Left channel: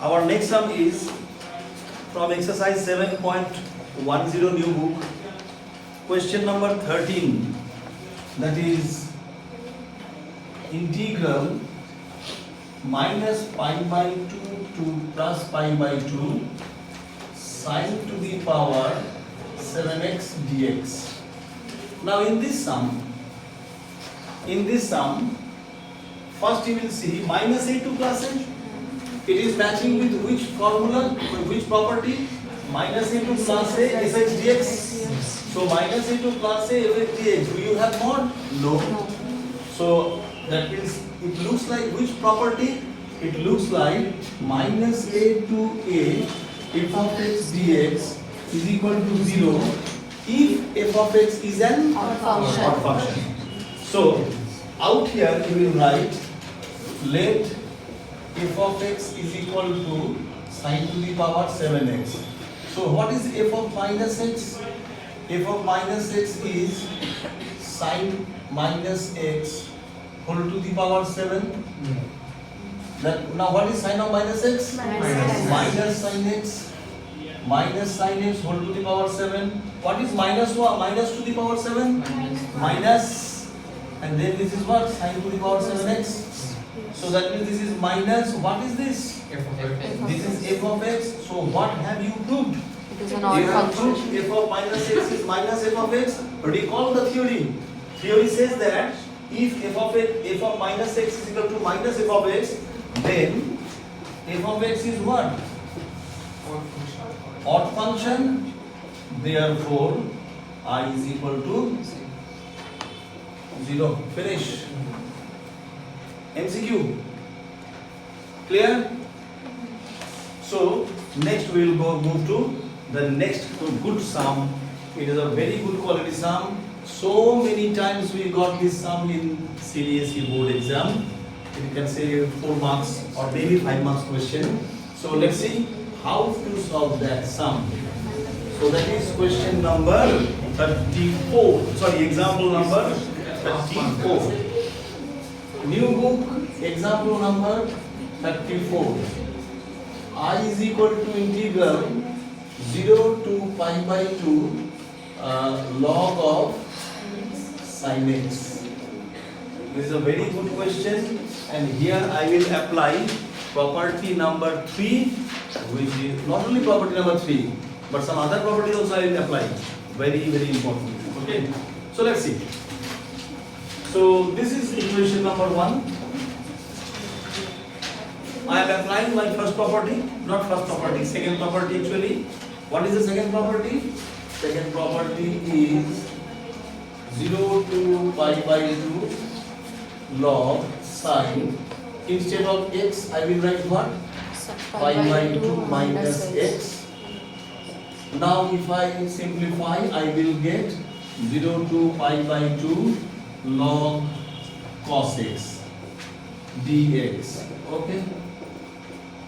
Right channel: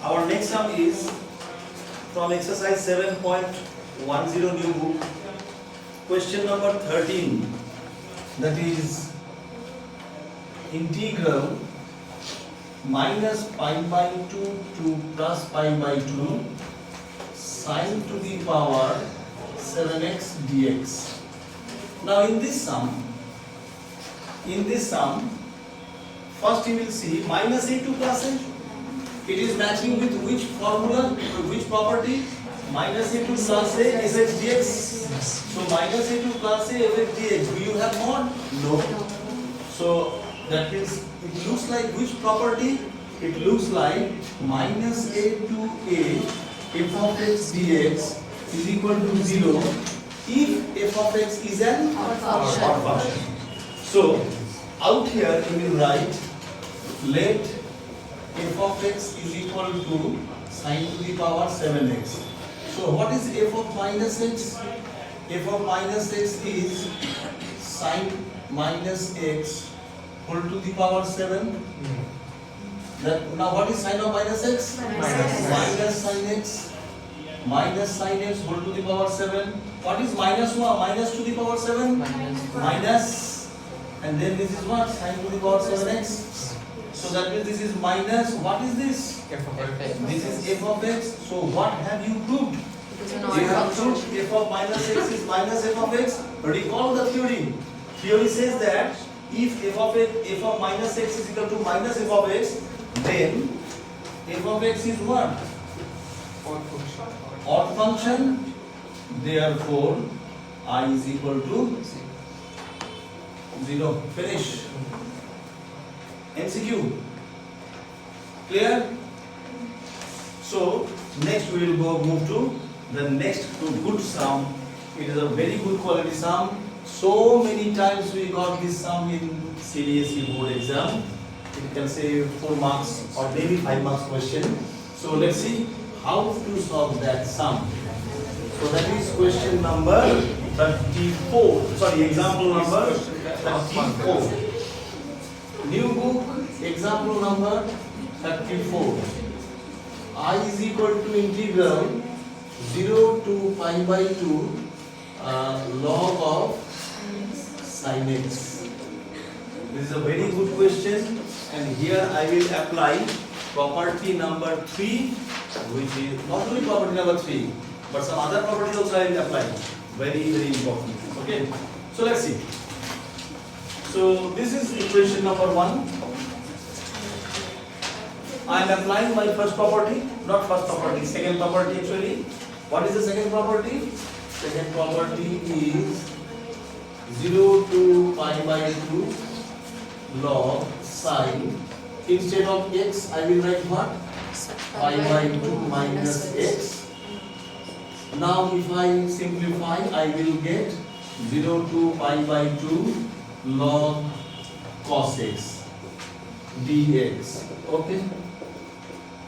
Our next sum is from exercise 7.10 new book, question number 13, that is integral minus pi by 2 to plus pi by 2 sine to the power 7x dx. Now in this sum, first you will see minus a to plus a. It is matching with which formula, which property? Minus a to plus a fx dx. So minus a to plus a fx dx. Do you have mod? No. So that means it looks like which property? It looks like minus a to a f of x dx is equal to 0 if f of x is an odd function. So out here you will write let f of x is equal to sine to the power 7x. So what is f of minus x? F of minus x is sine minus x whole to the power 7. Now what is sine of minus x? Minus sine x. Minus sine x whole to the power 7. What is minus 1? Minus to the power 7? Minus. And then this is what? Sine to the power 7x. So that means this is minus, what is this? F of x. This is f of x. So what have you proved? You have proved f of minus x is minus f of x. Recall the theory. Theory says that if f of minus x is equal to minus f of x, then f of x is what? Odd function. Therefore, I is equal to 0. Finish. MCQ. Clear? So next we will move to the next good sum. It is a very good quality sum. So many times we got this sum in CBSE board exam. You can say 4 marks or maybe 5 marks question. So let's see how to solve that sum. So that is question number 34. Sorry, example number 34. New book, example number 34. I is equal to integral 0 to pi by 2 log of sin x. This is a very good question, and here I will apply property number 3, which is not only property number 3, but some other properties also I will apply. Very, very important. Okay, so let's see. So this is equation number 1. I am applying my first property, not first property, second property actually. What is the second property? Second property is 0 to pi by 2 log sine. Instead of x, I will write what? Pi by 2 minus x. Now if I simplify, I will get 0 to pi by 2 log cos x dx. Okay,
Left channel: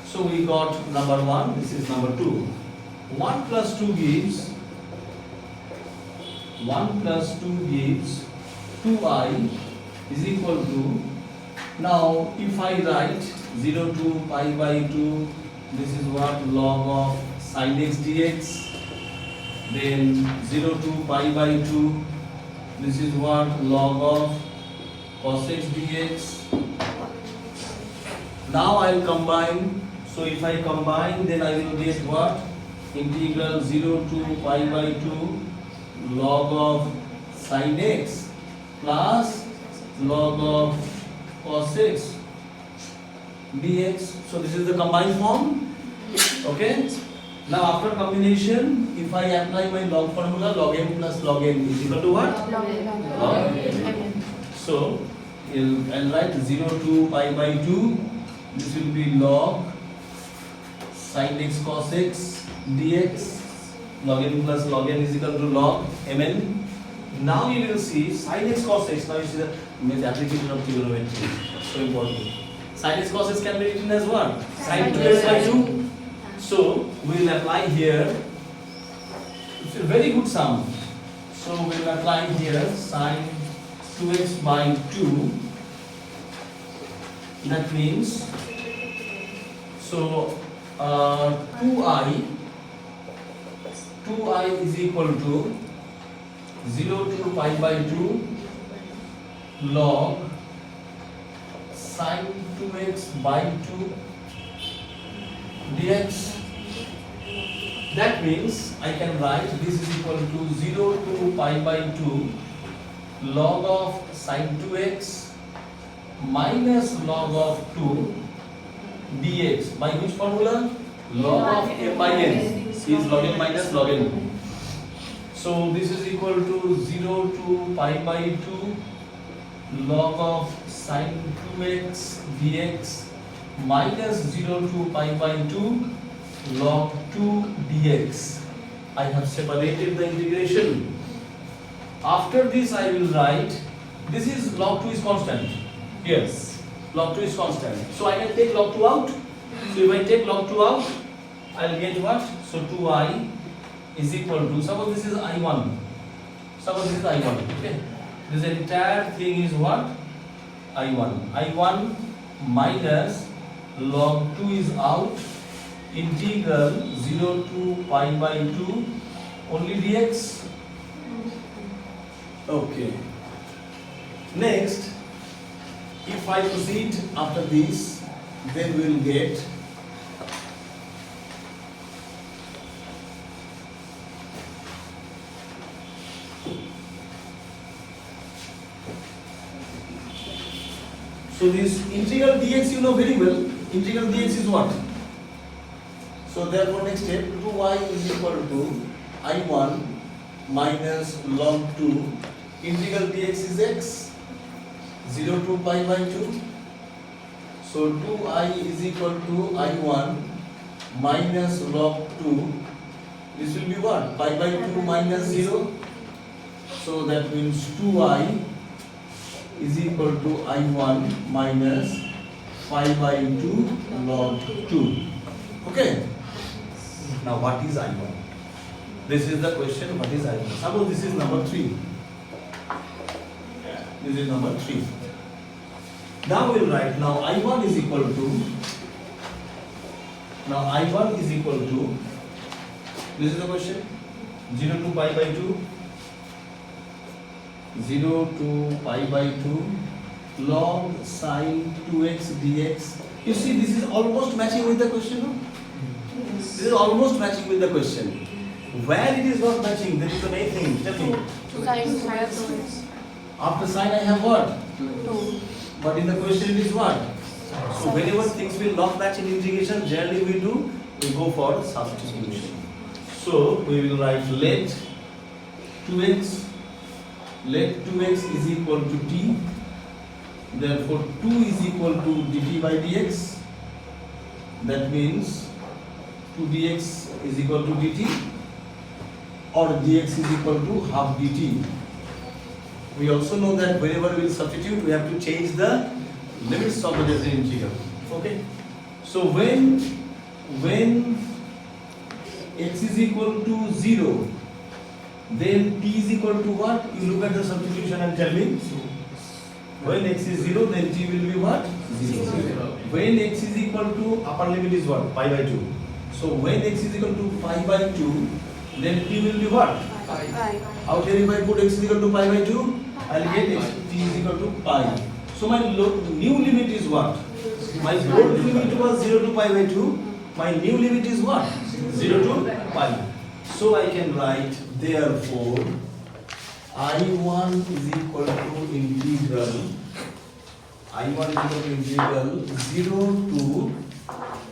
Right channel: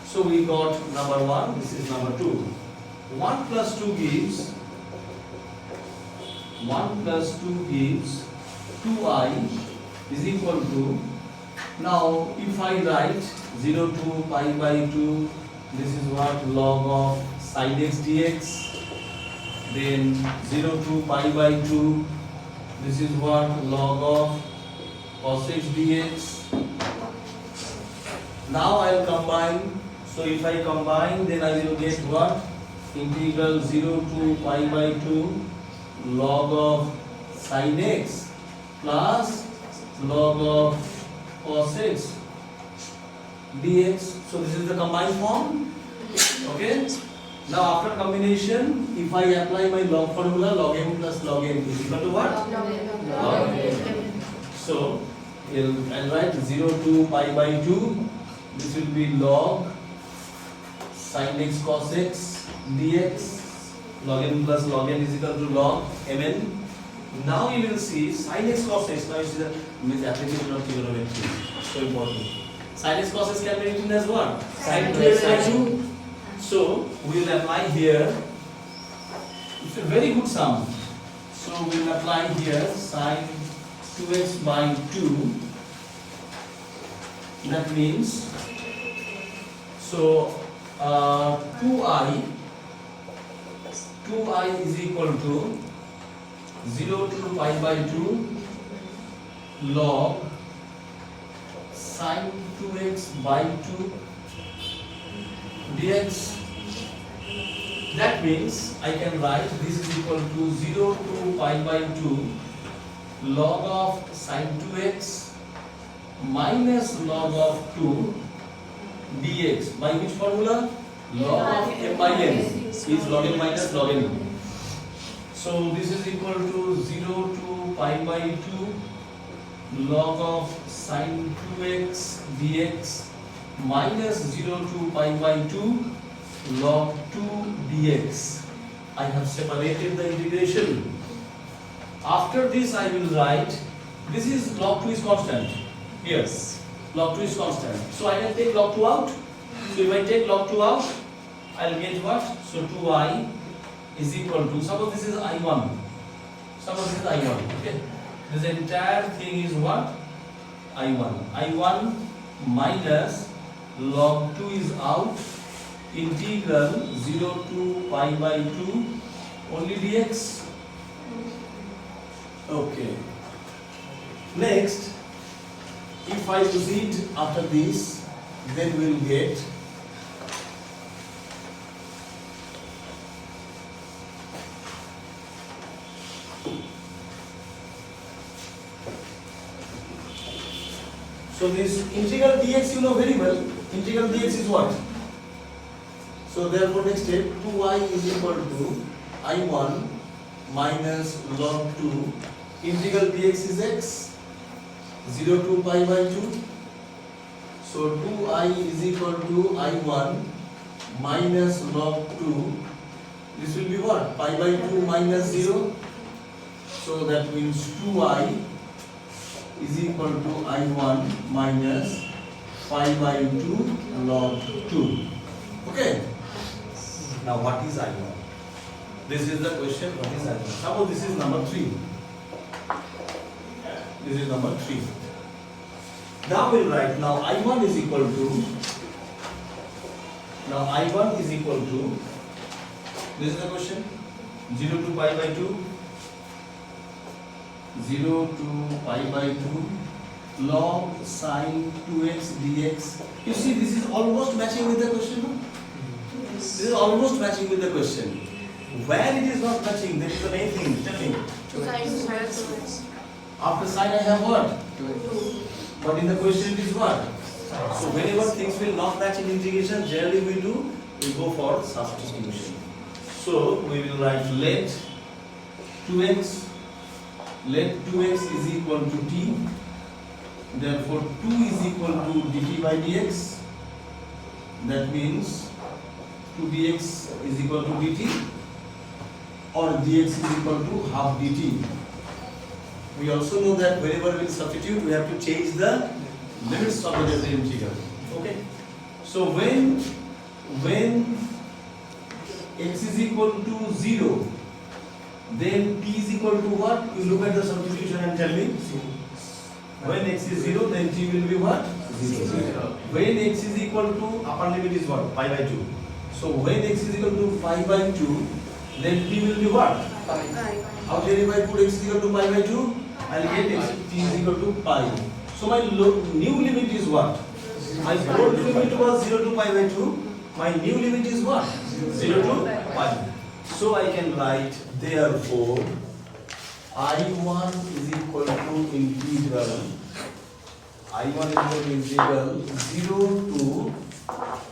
so we got number 1, this is number 2. 1 plus 2 gives 2i is equal to, now if I write 0 to pi by 2, this is what? Log of sin x dx. Then 0 to pi by 2, this is what? Log of cos x dx. Now I will combine. So if I combine, then I will get what? Integral 0 to pi by 2 log of sin x plus log of cos x dx. So this is the combined form. Okay. Now after combination, if I apply my log formula, log m plus log n is equal to what? Log n. So I'll write 0 to pi by 2. This will be log sin x cos x dx. Log m plus log n is equal to log mn. Now you will see sin x cos x. Now you see the application of trigonometry. So important. Sin x cos x can be written as what? Sin 2x by 2. So we will apply here. It's a very good sum. So we will apply here sin 2x by 2. That means, so 2i is equal to 0 to pi by 2 log sin 2x by 2 dx. That means I can write this is equal to 0 to pi by 2 log of sin 2x minus log of 2 dx. By which formula? Log of m by n is log n minus log n. So this is equal to 0 to pi by 2 log of sin 2x dx minus 0 to pi by 2 log 2 dx. I have separated the integration. After this I will write, this is log 2 is constant. Yes, log 2 is constant. So I can take log 2 out. So if I take log 2 out, I will get what? So 2i is equal to, suppose this is I1. Suppose this is I1. Okay. This entire thing is what? I1. I1 minus log 2 is out. Integral 0 to pi by 2 only dx. Okay. Next, if I proceed after this, then we will get so this integral dx you know very well. Integral dx is what? So therefore next step 2y is equal to I1 minus log 2 integral dx is x 0 to pi by 2. So 2i is equal to I1 minus log 2. This will be what? Pi by 2 minus 0. So that means 2i is equal to I1 minus pi by 2 log 2. Okay. Now what is I1? This is the question. What is I1? Suppose this is number 3. This is number 3. Now we'll write, now I1 is equal to, this is the question, 0 to pi by 2, 0 to pi by 2 log sin 2x dx. You see this is almost matching with the question. No? This is almost matching with the question. Where it is not matching, there is a main thing. Tell me. After sin I have what? 2. But in the question it is what? So whenever things will not match in integration, generally we go for substitution. So we will write let 2x is equal to t. Therefore 2 is equal to dt by dx. That means 2 dx is equal to dt, or dx is equal to half dt. We also know that whenever we substitute, we have to change the limits of the different integral. Okay. So when x is equal to 0, then t is equal to what? You look at the substitution and tell me. When x is 0, then t will be what? 0. When x is equal to, upper limit is what? Pi by 2. So when x is equal to pi by 2, then t will be what? Out here if I put x is equal to pi by 2, I will get x, t is equal to pi. So my new limit is what? My old limit was 0 to pi by 2. My new limit is what? 0 to pi. So I can write, therefore, I1 is equal to integral 0 to,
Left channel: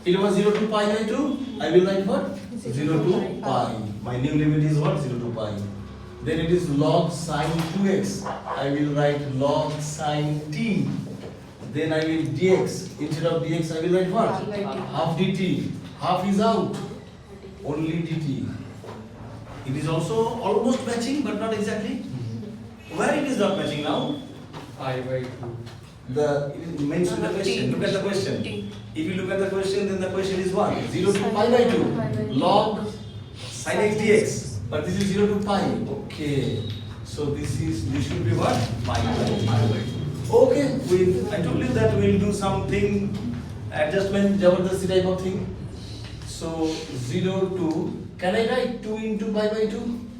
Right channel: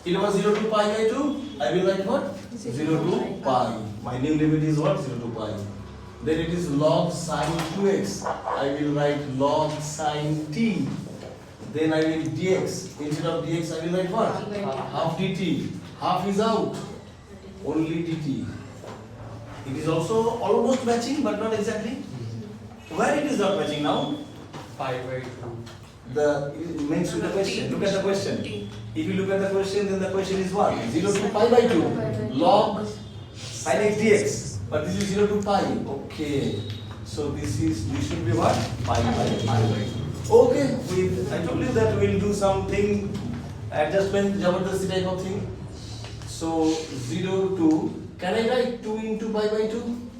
it was 0 to pi by 2. I will write what? 0 to pi. My new limit is what? 0 to pi. Then it is log sin 2x. I will write log sin t. Then I will dx. Instead of dx, I will write what? Half dt. Half is out. Only dt. It is also almost matching, but not exactly. Where it is not matching now? Pi by 2. You mentioned the question. Look at the question. If you look at the question, then the question is what? 0 to pi by 2. Log sin x dx. But this is 0 to pi. Okay. So this should be what? Pi by 2. Okay. I told you that we will do something, adjustment, Jabardasti type of thing. So 0 to, can I write 2 into pi by 2?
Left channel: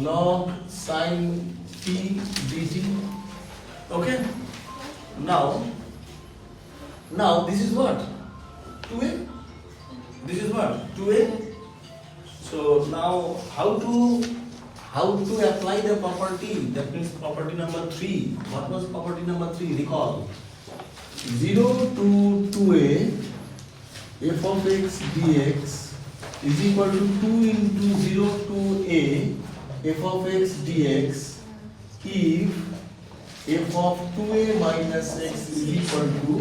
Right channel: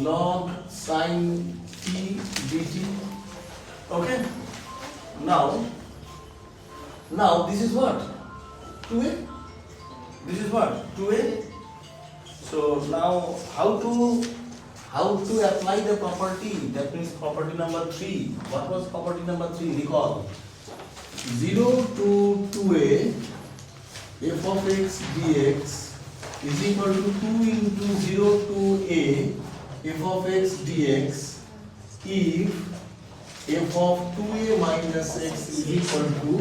Log sin t dt. Okay. Now this is what? 2a. This is what? 2a. So now how to apply the property? That means property number 3. What was property number 3? Recall. 0 to 2a f of x dx is equal to 2 into 0 to a f of x dx if f of 2a minus x is equal to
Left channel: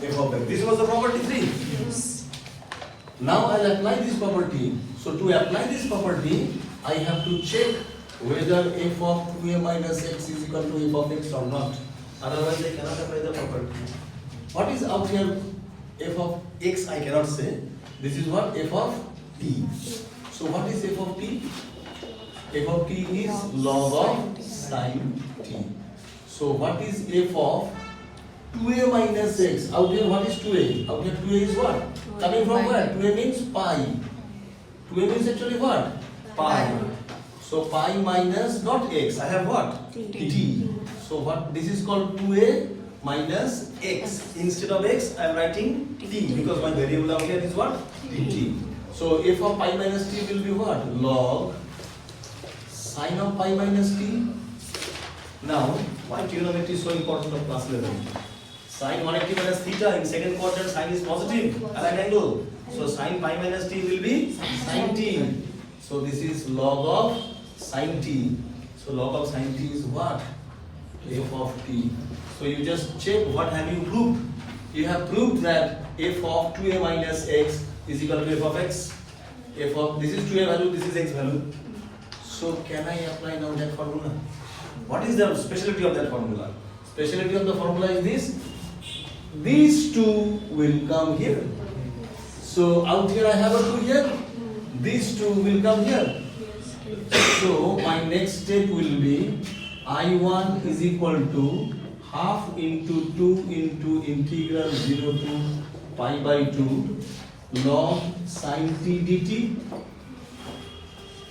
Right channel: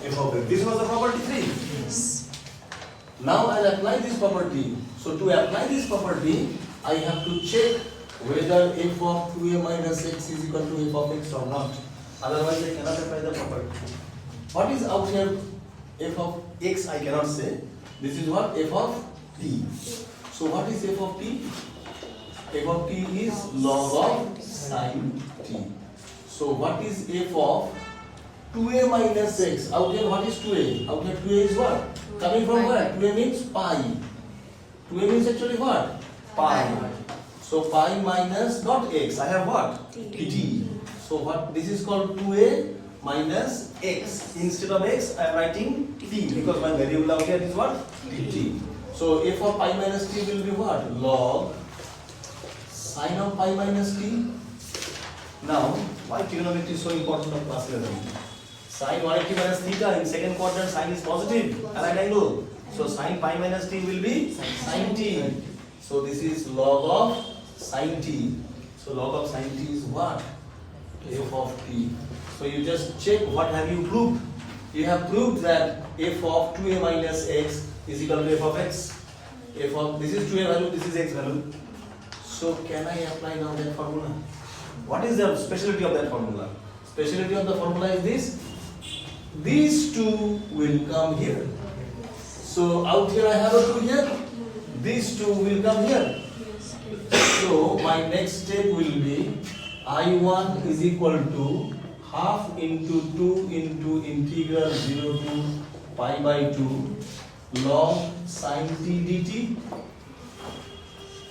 f of x. This was the property 3. Yes. Now I'll apply this property. So to apply this property, I have to check whether f of 2a minus x is equal to f of x or not. Otherwise, I cannot apply the property. What is out here? F of x I cannot say. This is what? F of t. So what is f of t? F of t is log of sin t. So what is f of 2a minus x? Out here what is 2a? Out here 2a is what? Coming from where? 2a means pi. 2a means actually what? Pi. So pi minus not x. I have what? T. So what? This is called 2a minus x. Instead of x, I am writing t because my variable out here is what? T. So f of pi minus t will be what? Log sin of pi minus t. Now, why trigonometry is so important of class 11? Sin 180 minus theta in second quadrant, sin is positive at an angle. So sin pi minus t will be sin t. So this is log of sin t. So log of sin t is what? F of t. So you just check what have you proved. You have proved that f of 2a minus x is equal to f of x. F of this is 2a value, this is x value. So can I apply now that formula? What is the specialty of that formula? Specialty of the formula is this. These two will come here. So out here I have a 2 here. These two will come here. So my next step will be I1 is equal to half into 2 into integral 0 to pi by 2 log sin t dt.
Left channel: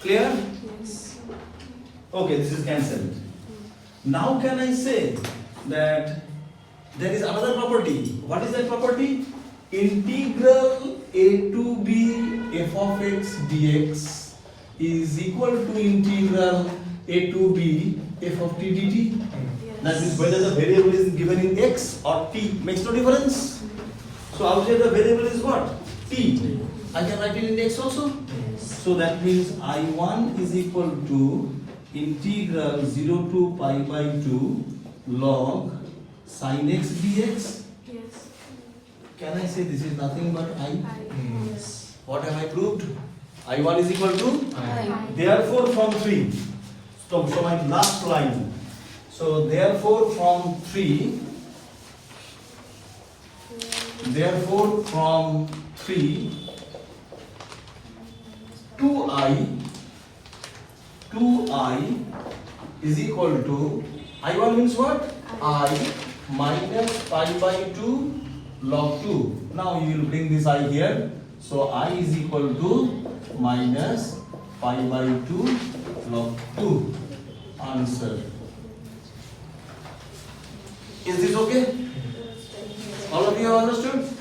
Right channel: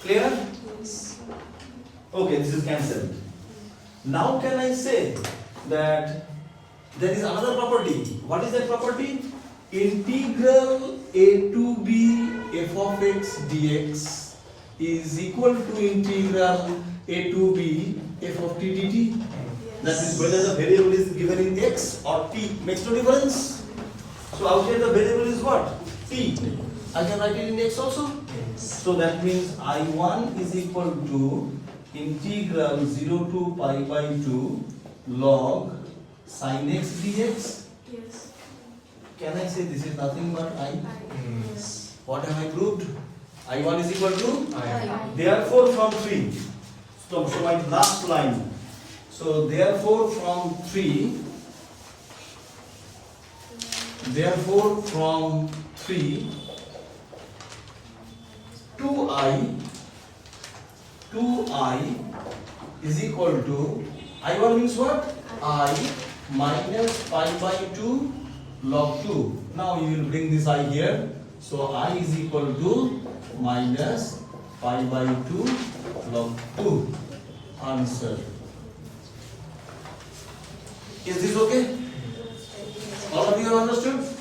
Clear? Okay, this is cancelled. Now can I say that there is another property? What is that property? Integral a to b f of x dx is equal to integral a to b f of t dt. That is whether the variable is given in x or t makes no difference. So out here the variable is what? T. I can write it in x also. So that means I1 is equal to integral 0 to pi by 2 log sin x dx. Yes. Can I say this is nothing but I? What have I proved? I1 is equal to I. Therefore from 3. So my last line. So therefore from 3. Therefore from 3. 2i is equal to I1 means what? I minus pi by 2 log 2. Now you will bring this I here. So I is equal to minus pi by 2 log 2. Answer. Is this okay? All of you have understood?